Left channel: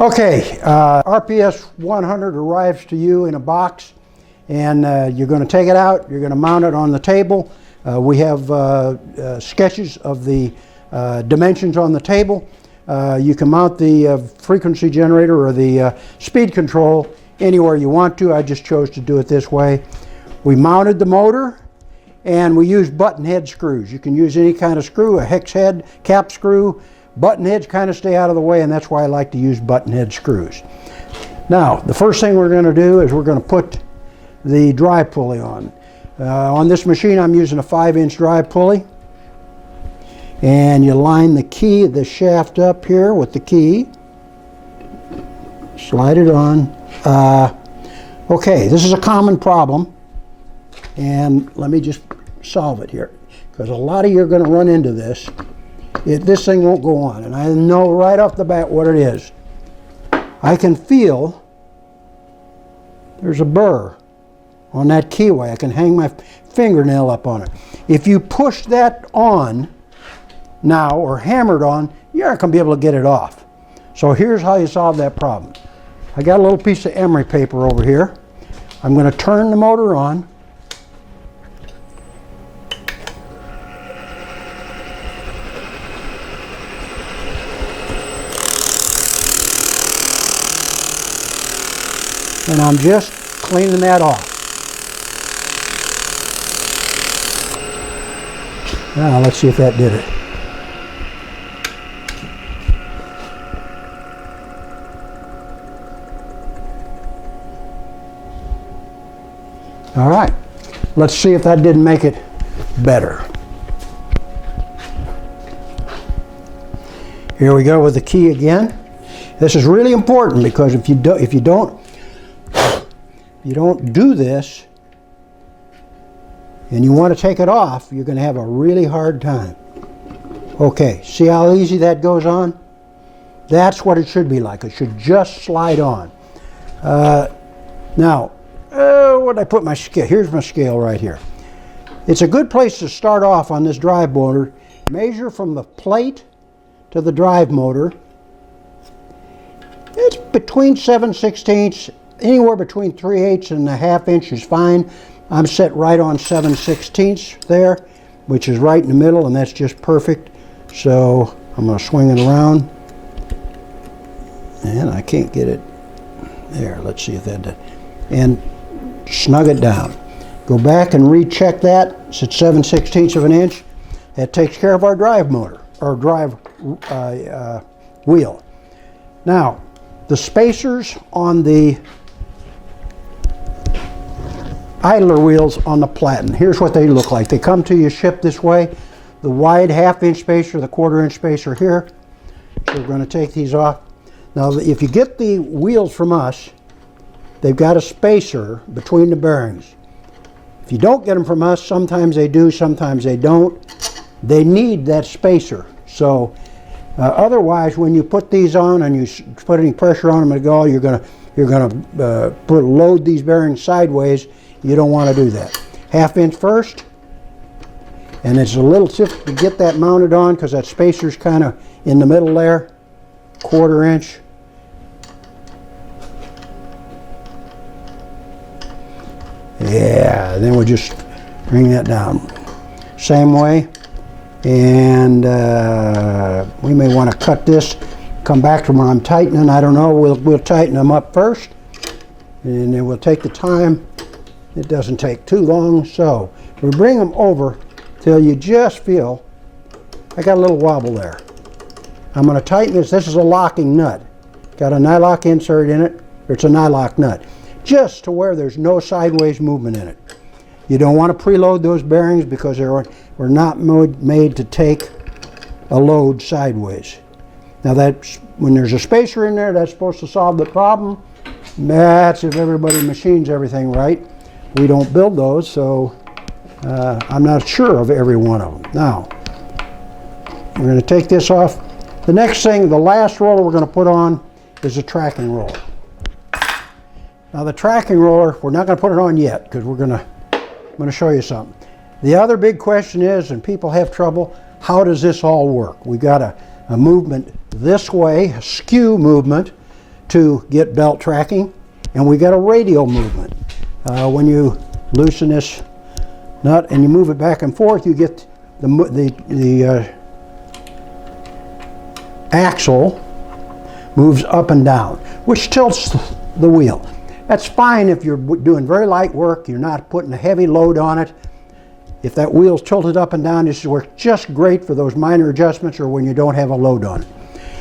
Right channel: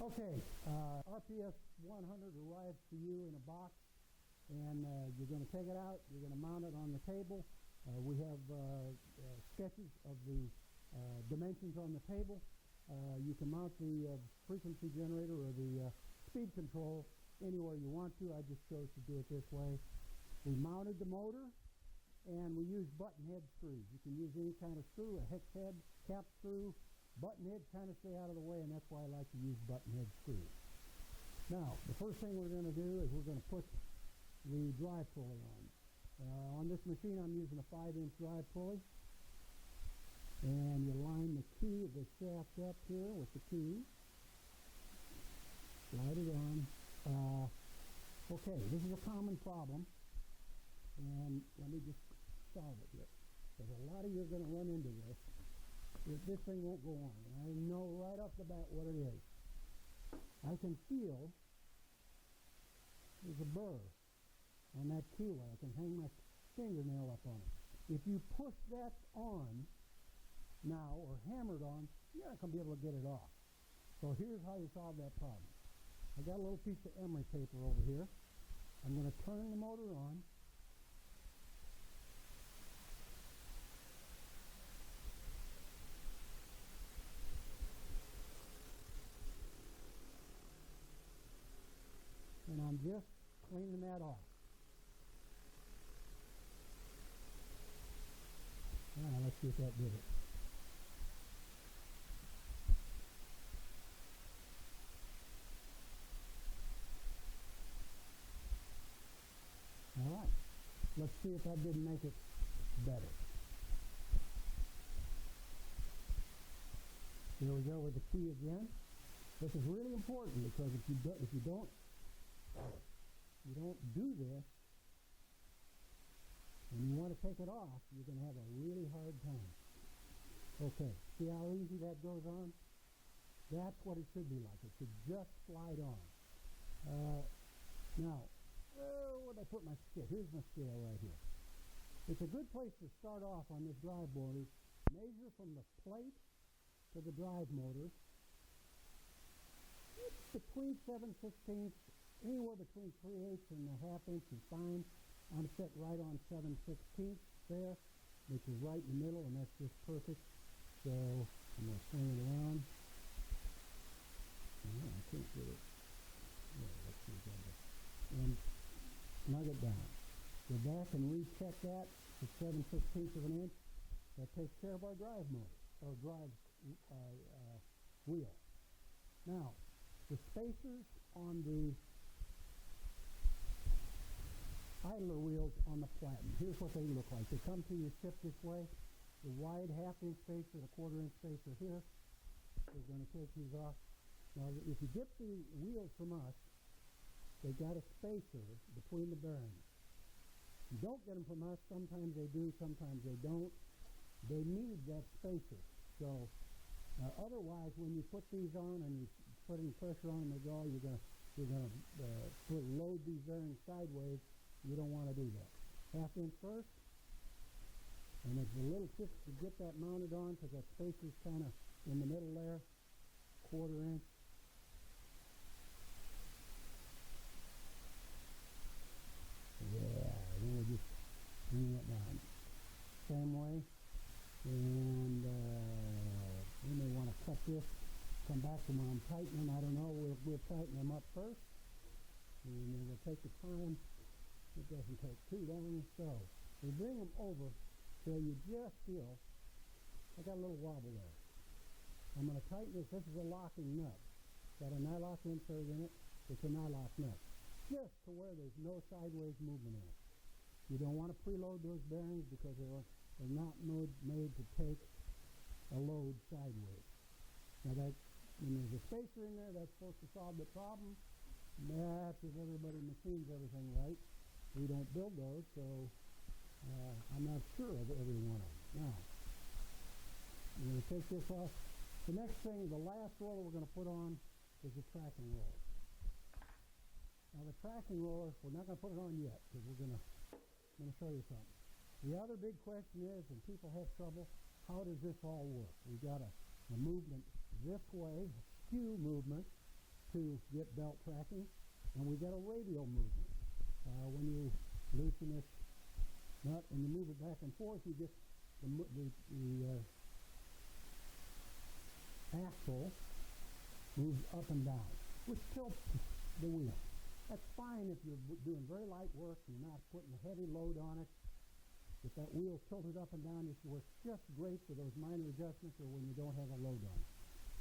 Okay, RPS 100 arrives to you in a box, and you're going to take it out, you're going to mount it on the table. We have sketches of the dimensions on the table. You can mount the frequency generator or the speed control anywhere you want to. I just chose to do it this way. We mounted the motor, and we used button head screws. You can use any kind of screw, a hex head, cap screw. Button heads kind of stay out of the way, and that's why I like to use button head screws. Now, the first thing we're going to do is we're going to put the drive pulley on. On this machine, I'm using a 5-inch drive pulley. And you line the key, the shaft up here with the key. Slide it on. Okay, this is a common problem. And let me just solve it here, because a lot of you are going to run into this. This thing won't go on, and I know right off the bat what it is. I can feel there's a burr on that keyway. I can hang my fingernail up on it. If you push that on now or hammer it on, you're not going to be able to get it off. So here's how you solve that problem. I got a little piece of emery paper over here. I'm going to turn the motor on. And I'm just cleaning that off. Now let's see if that did it. All right, let's see if that didn't make it better. Here we go with the key again. This is really important, because if you don't do this and you want to take it off, you're going to have a really hard time. Okay, see how easy that goes on? That's what it should be like. It should just slide on. Now, where did I put my scale? Here's my scale right here. It's a good place to start off on this drive motor. Measure from the plate to the drive motor. It's between 7/16. Anywhere between 3/8 and a half inch is fine. I'm set right on 7/16 there, which is right in the middle, and that's just perfect. So I'm going to swing it around, and I can't get it there. Let's see if that does. And snug it down. Go back and recheck that. It's at 7/16 of an inch. That takes care of our drive motor, or drive wheel. Now, the spacers on the idler wheels on the Platen, here's what they look like. They come to you shipped this way. The wide 1/2-inch spacer, the 1/4-inch spacer here. So we're going to take these off. Now, if you get the wheels from us, they've got a spacer between the bearings. If you don't get them from us, sometimes they do, sometimes they don't. They need that spacer. So otherwise, when you put these on and you put any pressure on them at all, you're going to load these bearings sideways. You don't want to do that. 1/2 inch first, and it's a little tip to get that mounted on, because that spacer's kind of in the middle there. 1/4 inch. Yeah, then we'll just bring that down. Same way. And we may want to cut this, come back to when I'm tightening. I don't know. We'll tighten them up first, and then we'll take the time. It doesn't take too long. So we bring them over till you just feel, I got a little wobble there. I'm going to tighten this. This is a locking nut. Got a nylock insert in it. It's a nylock nut, just to where there's no sideways movement in it. You don't want to preload those bearings, because they're not made to take a load sideways. Now, that's when there's a spacer in there, that's supposed to solve the problem. That's if everybody machines everything right. We don't build those, so I'm not sure of every one of them. Now, we're going to take this off. The next thing, the last roller we're going to put on is a tracking roller. Now, the tracking roller, we're not going to put it on yet, because I'm going to show you something. The other big question is, and people have trouble, how does this all work? We've got a movement this way, a skew movement, to get belt tracking, and we got a radial movement. When you loosen this nut and you move it back and forth, you get the axle moves up and down, which tilts the wheel. That's fine if you're doing very light work, you're not putting a heavy load on it. If that wheel's tilted up and down, this works just great for those minor adjustments or when you don't have a load on it.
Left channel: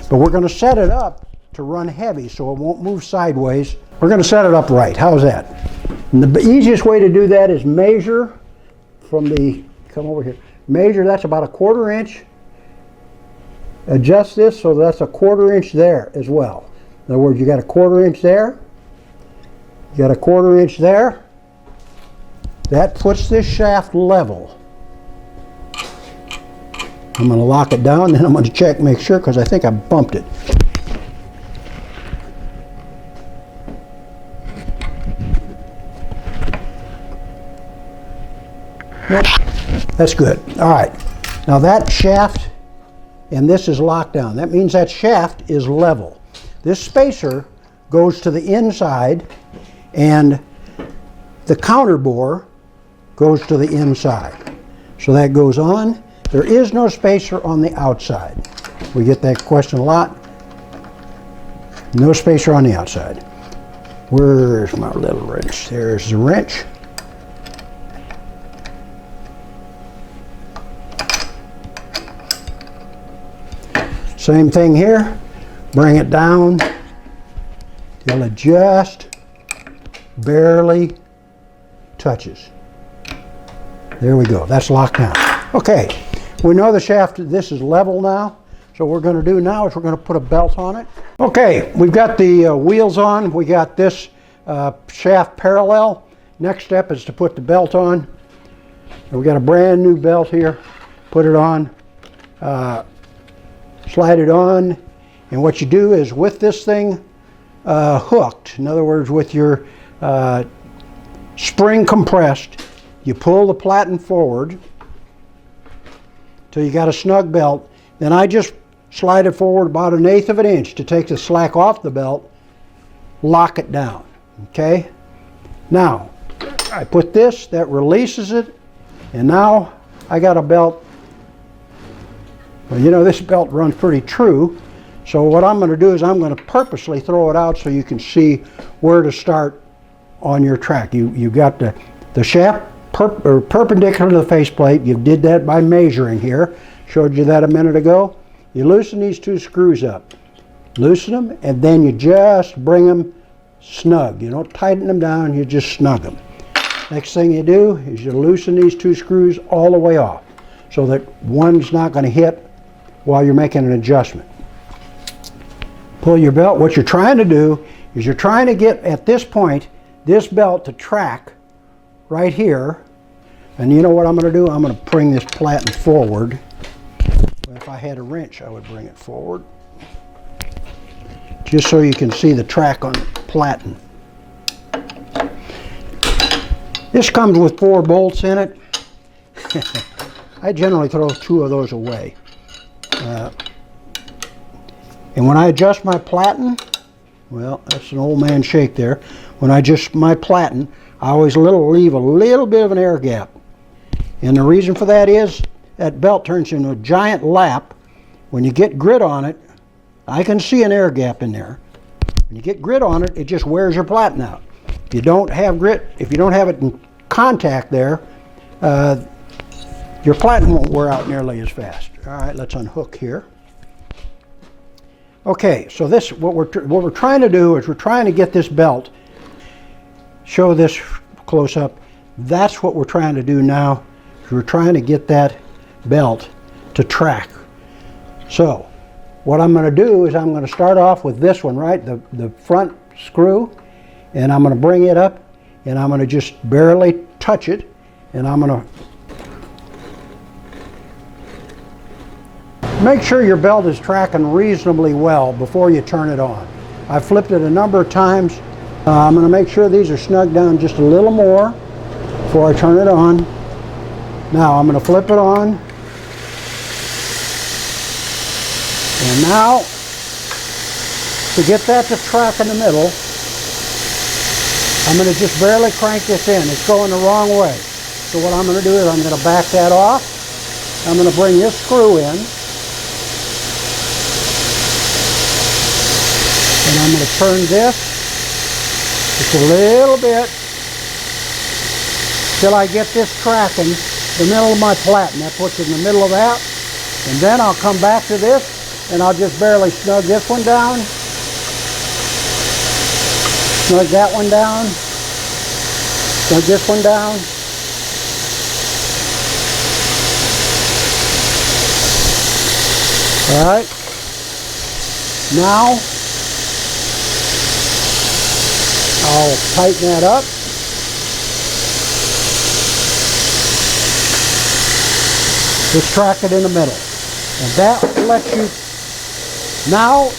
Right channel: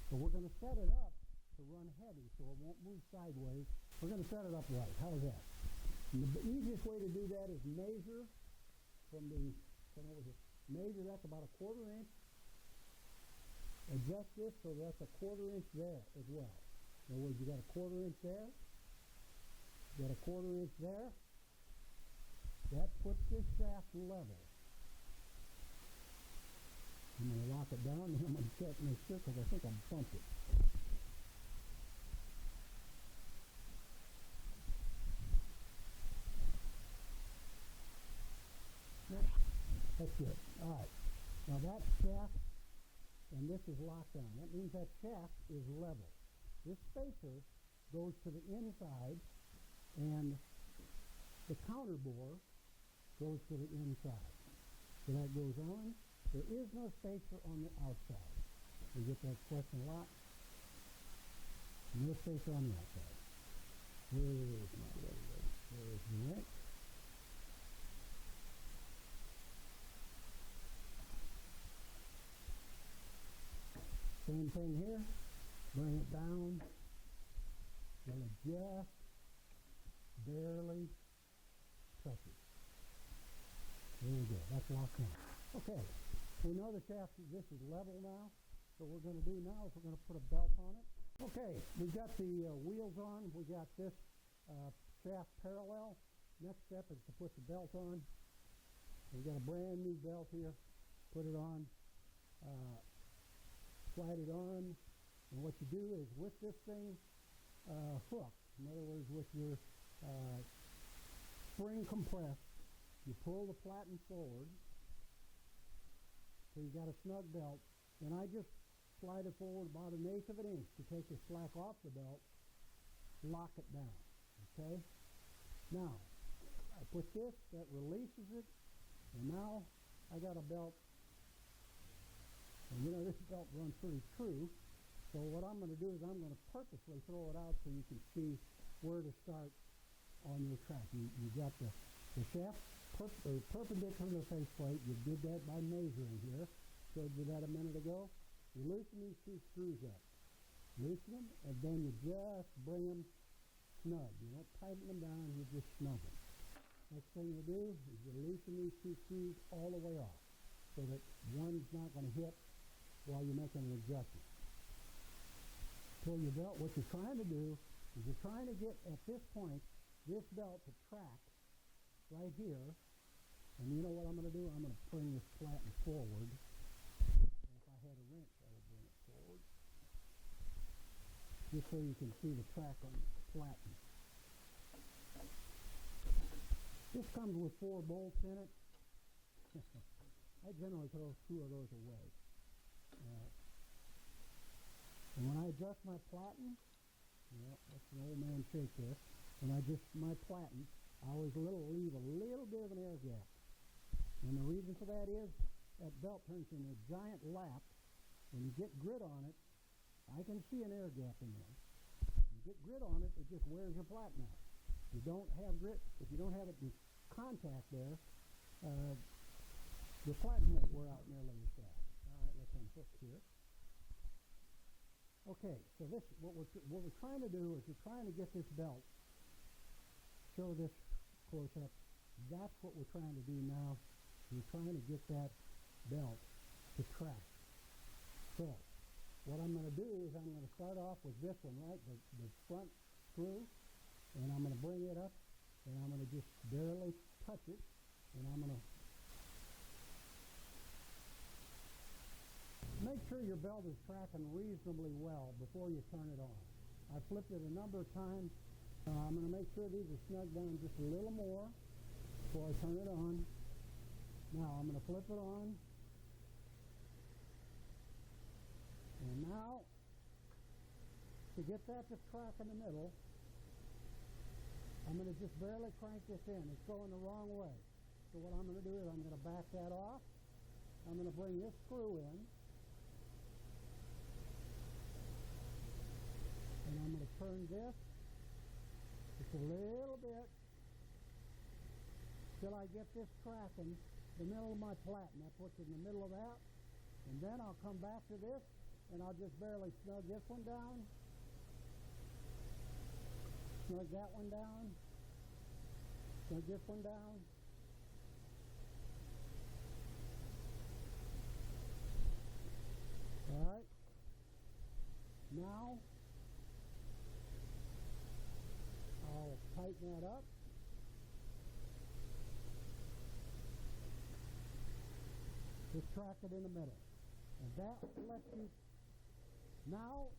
But we're going to set it up to run heavy so it won't move sideways. We're going to set it up right. How's that? And the easiest way to do that is measure from the, come over here, measure, that's about a 1/4 inch. Adjust this so that's a 1/4 inch there as well. In other words, you got a 1/4 inch there, you got a 1/4 inch there. That puts this shaft level. I'm going to lock it down, then I'm going to check, make sure, because I think I bumped it. Nope, that's good. All right, now that shaft and this is locked down. That means that shaft is level. This spacer goes to the inside and the counter bore goes to the inside. So that goes on. There is no spacer on the outside. We get that question a lot. No spacer on the outside. Where's my little wrench? There's the wrench. Same thing here. Bring it down till it just barely touches. There we go. That's locked down. Okay, we know the shaft, this is level now. So what we're going to do now is we're going to put a belt on it. Okay, we've got the wheels on. We got this shaft parallel. Next step is to put the belt on. We've got a brand new belt here. Put it on. Slide it on. And what you do is with this thing hooked, in other words with your spring compressed, you pull the platen forward till you got a snug belt. Then I just slide it forward about 1/8 of an inch to take the slack off the belt, lock it down, okay? Now, I put this, that releases it, and now I got a belt. Well, you know, this belt runs pretty true, so what I'm going to do is I'm going to purposely throw it out so you can see where to start on your track. You got the shaft perpendicular to the faceplate. You did that by measuring here. Showed you that a minute ago. You loosen these two screws up. Loosen them, and then you just bring them snug. You don't tighten them down, you just snug them. Next thing you do is you loosen these two screws all the way off so that one's not going to hit while you're making an adjustment. Pull your belt. What you're trying to do is you're trying to get, at this point, this belt to track right here. And you know what I'm going to do? I'm going to bring this platen forward. If I had a wrench, I would bring it forward. Just so you can see the track on the platen. This comes with 4 bolts in it. I generally throw 2 of those away. And when I adjust my platen, well, that's an old man shake there. When I adjust my platen, I always leave a little bit of an air gap. And the reason for that is that belt turns into a giant lap. When you get grit on it, I can see an air gap in there. When you get grit on it, it just wears your platen out. If you don't have grit, if you don't have it in contact there, your platen won't wear out nearly as fast. All right, let's unhook here. Okay, so this, what we're trying to do is we're trying to get this belt, show this close up. That's what we're trying to do now. We're trying to get that belt to track. So what I'm going to do is I'm going to start off with this one, right, the front screw, and I'm going to bring it up and I'm going to just barely touch it, and I'm going to make sure your belt is tracking reasonably well before you turn it on. I've flipped it a number of times. I'm going to make sure these are snugged down just a little more before I turn it on. Now I'm going to flip it on. And now To get that to track in the middle, I'm going to just barely crank this in. It's going the wrong way. So what I'm going to do is I'm going to back that off. I'm going to bring this screw in. And I'm going to turn this just a little bit till I get this tracking the middle of my platen. That puts it in the middle of that. And then I'll come back to this and I'll just barely snug this one down. Snug that one down. Snug this one down. All right. Now, I'll tighten that up. Just track it in the middle. And that lets you, now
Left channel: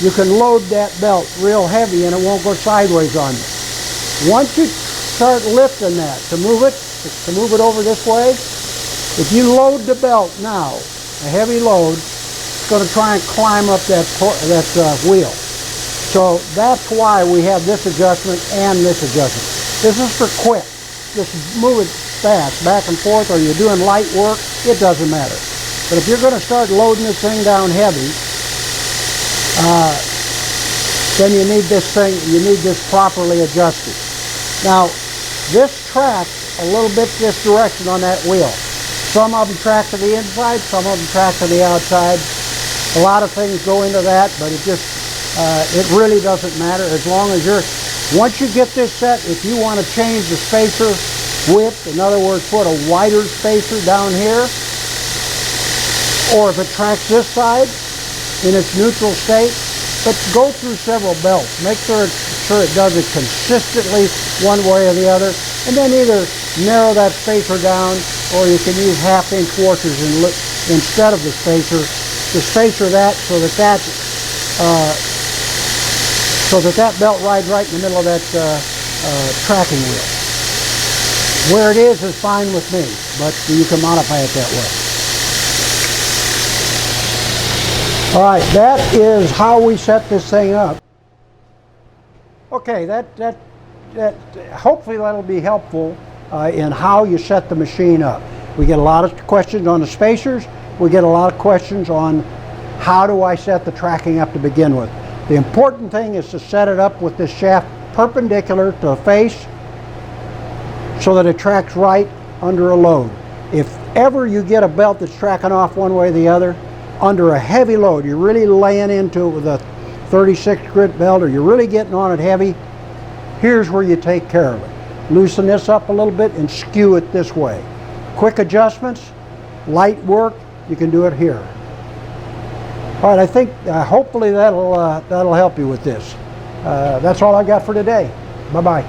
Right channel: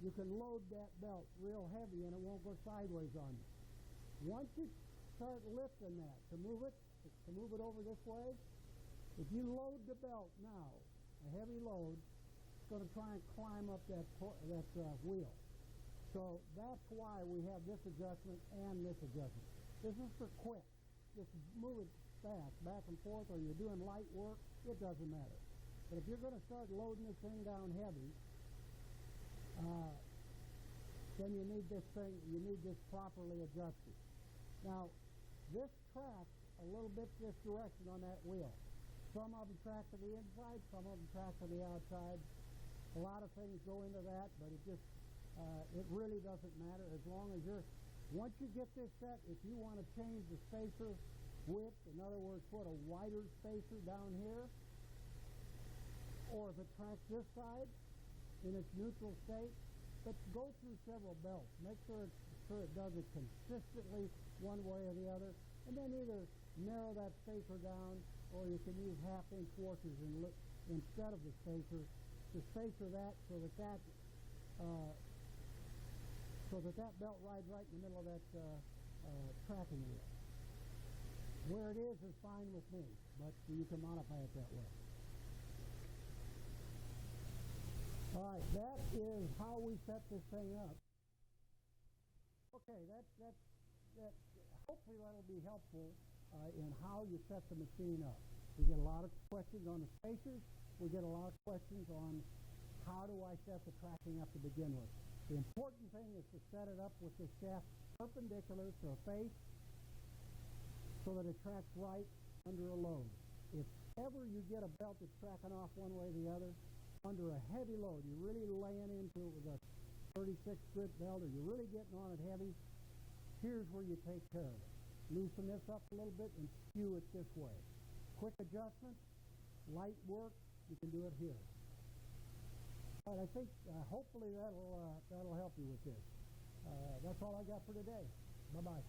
you can load that belt real heavy and it won't go sideways on you. Once you start lifting that to move it over this way, if you load the belt now, a heavy load, it's going to try and climb up that wheel. So that's why we have this adjustment and this adjustment. This is for quick. Just move it fast, back and forth, or you're doing light work, it doesn't matter. But if you're going to start loading this thing down heavy, then you need this properly adjusted. Now, this tracks a little bit this direction on that wheel. Some of them track to the inside, some of them track to the outside. A lot of things go into that, but it really doesn't matter as long as once you get this set, if you want to change the spacer width, in other words, put a wider spacer down here, or if it tracks this side in its neutral state, but go through several belts. Make sure it does it consistently one way or the other, and then either narrow that spacer down, or you can use 1/2 inch washers instead of the spacer to spacer that so that belt rides right in the middle of that tracking wheel. Where it is fine with me, but you can modify it that way. All right, that is how we set this thing up. Okay, hopefully that'll be helpful in how you set the machine up. We get a lot of questions on the spacers. We get a lot of questions on how do I set the tracking up to begin with. The important thing is to set it up with this shaft perpendicular to the face so that it tracks right under a load. If ever you get a belt that's tracking off one way or the other, under a heavy load, you're really laying into it with a 36 grit belt, or you're really getting on it heavy, here's where you take care of it. Loosen this up a little bit and skew it this way. Quick adjustments, light work, you can do it here. All right, I think hopefully that'll help you with this. That's all I got for today. Bye-bye.